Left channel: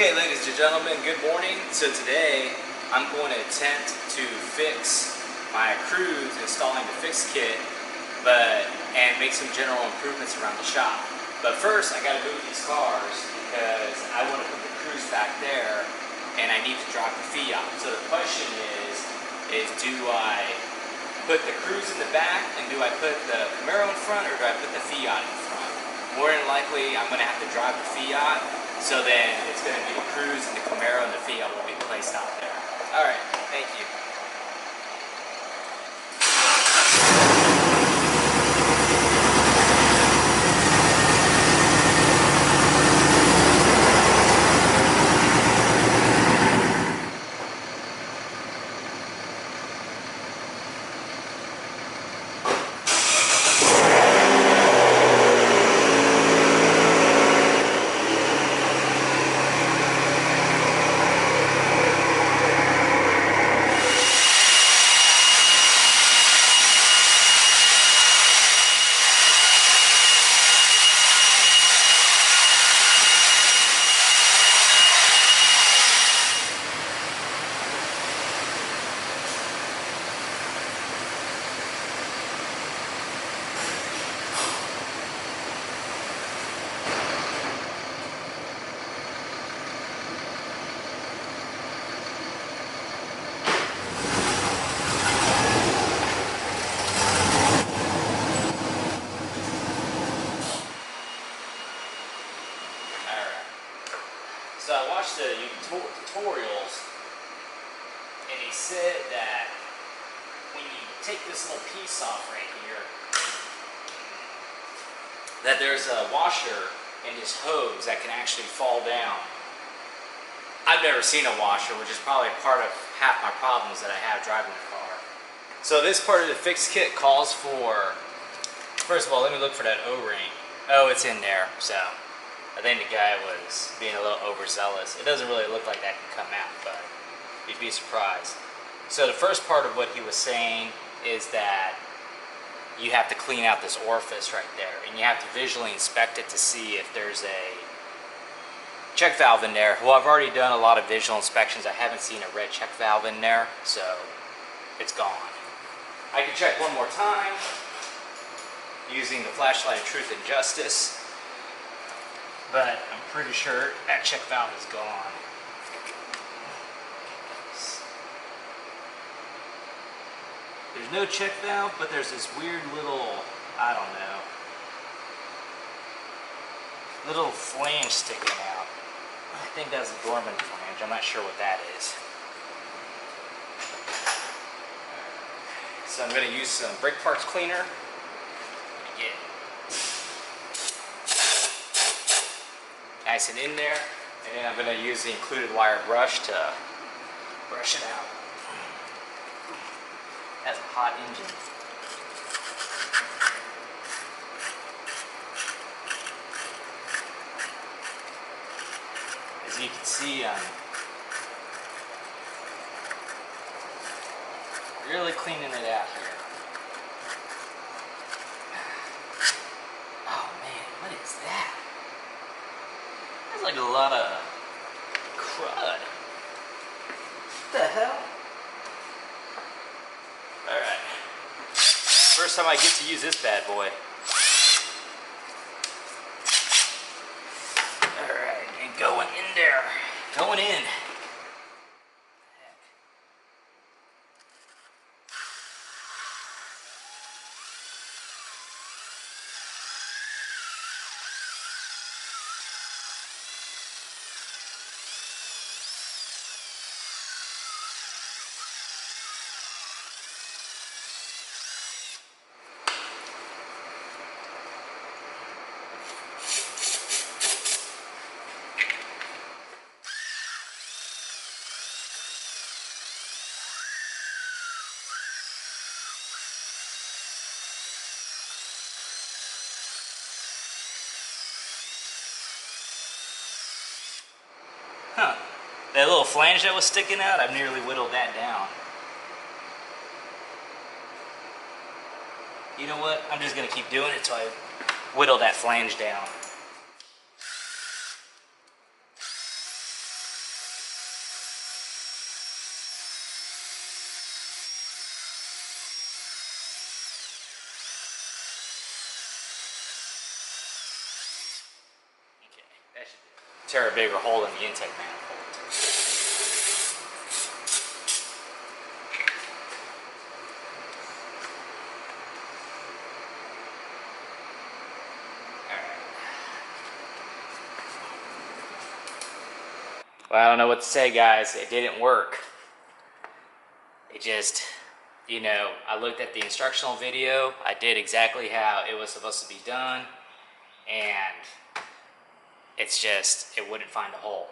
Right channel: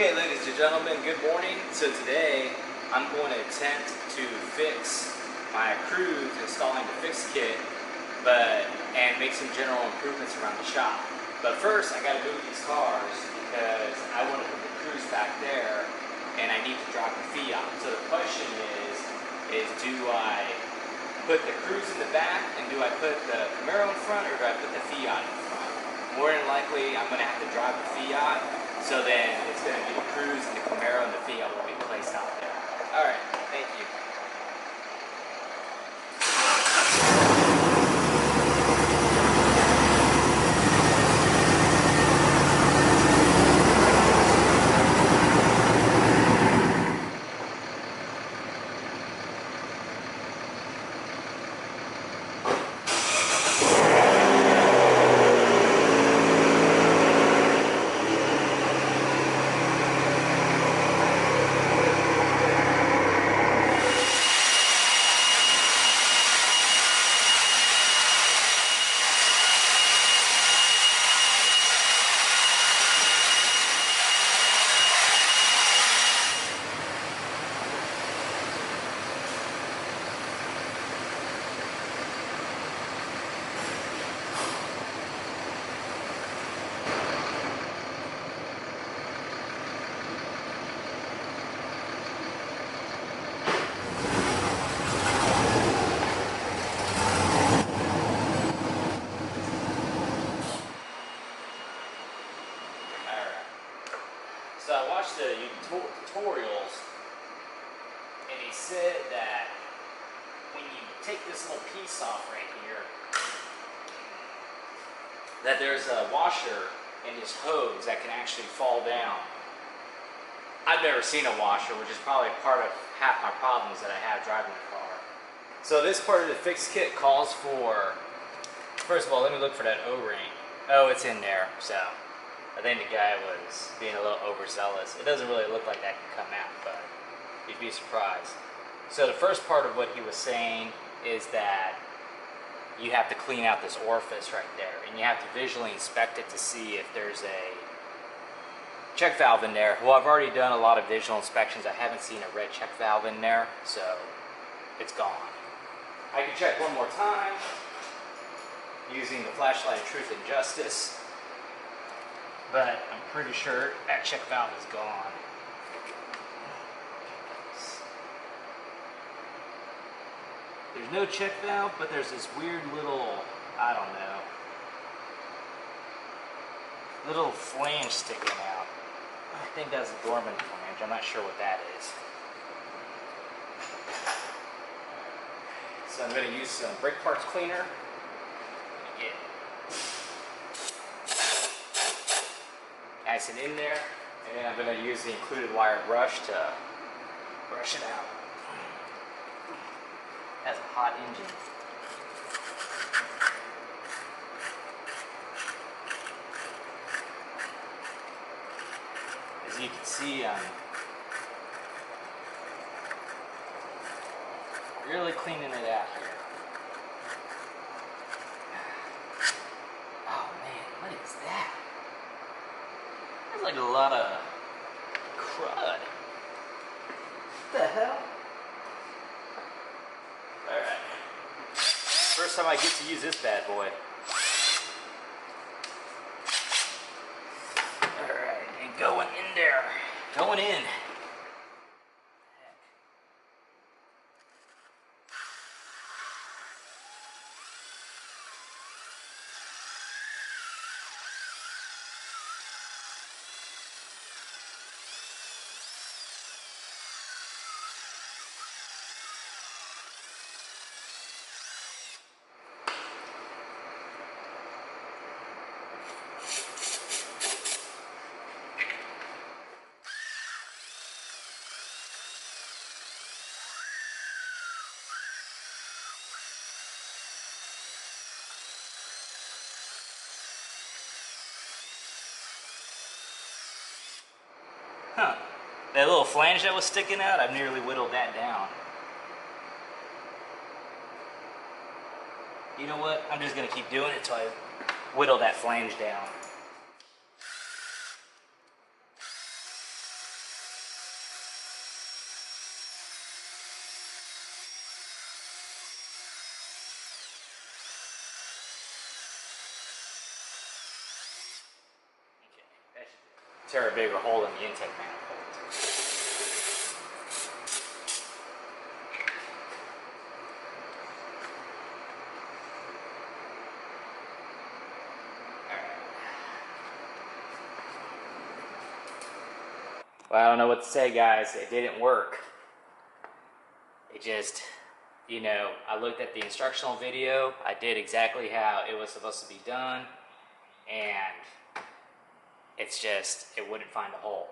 Okay, ladies and gentlemen, good morning. So today I'm going to attempt to fix my Cruze, installing the fix kit, and make some general improvements around the shop. But first, I got to move these cars because I want to put the Cruze back there, and I need to drop the Fiat. So the question is do I put the Cruze in the back, and do I put the Camaro in front, or do I put the Fiat in front? More than likely, I'm going to have to drive the Fiat. So then it's going to be the Cruze and the Camaro, and the Fiat will be placed out there. All right, thank you. So I watched the tutorials, and he said that when you take this little piece off right here, that there's a washer in this hose that can actually fall down. I've never seen a washer, which is probably part of half my problems that I have driving the car. So this part of the fix kit calls for, first of all, let me look for that O-ring. Oh, it's in there, so I think the guy was being a little overzealous. It doesn't really look like that can come out, but you'd be surprised. So the first part of what he was saying is that you have to clean out this orifice right there, and you have to visually inspect it to see if there's a check valve in there. Well, I've already done a lot of visual inspections. I haven't seen a red check valve in there, so it's gone. I can check one more time using the flashlight of truth and justice, but I'm pretty sure that check valve is gone. There's no check valve, but there's this weird little, I don't know, little flange sticking out. I think that's a dormant flange. I'm not sure what that is. So I'm going to use some brake parts cleaner to get nice and in there, and then I'm going to use the included wire brush to brush it out. Has a hot engine. As you can see, I'm really cleaning it out here. Oh man, what is that? There's like a lot of crud. What the hell? Alright. First time I get to use this bad boy. Alright, and going in there. Going in. Huh. That little flange that was sticking out, I've nearly whittled that down. You know what? I'm just going to keep doing it till I whittle that flange down. tear a bigger hole in the intake manifold. Well, I don't know what to say, guys. It didn't work. It just, you know, I looked at the instructional video. I did exactly how it was supposed to be done. And it's just, it wouldn't find a hole.